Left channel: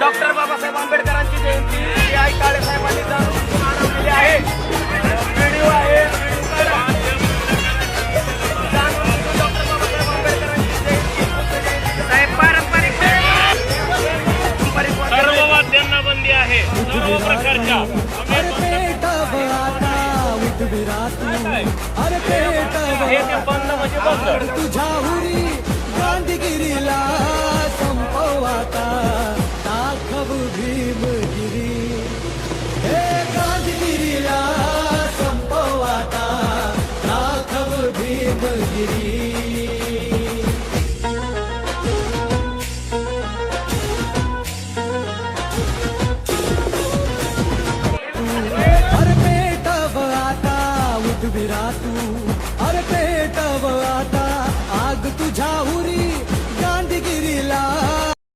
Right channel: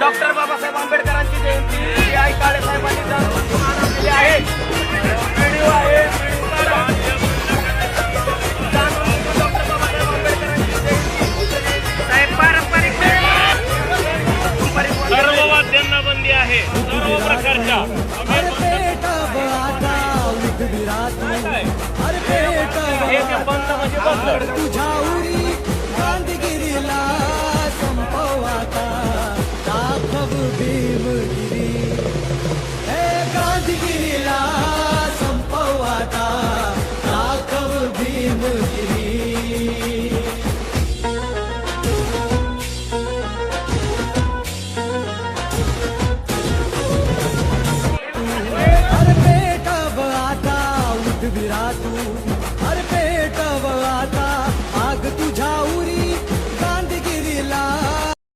Doctor Babasaheb आंबेडकरांची जयंती आई काळे साहेबांनी जाणून आणलेली आहे. व्हिडिओ आहे, डॉक्टर बाबासाहेब आंबेडकरांची जयंती साहेब पारंपरिक सर्व वाद्यांना बंदी आहे. सर्व प्रकारच्या हे बंद म्हणजे बंद.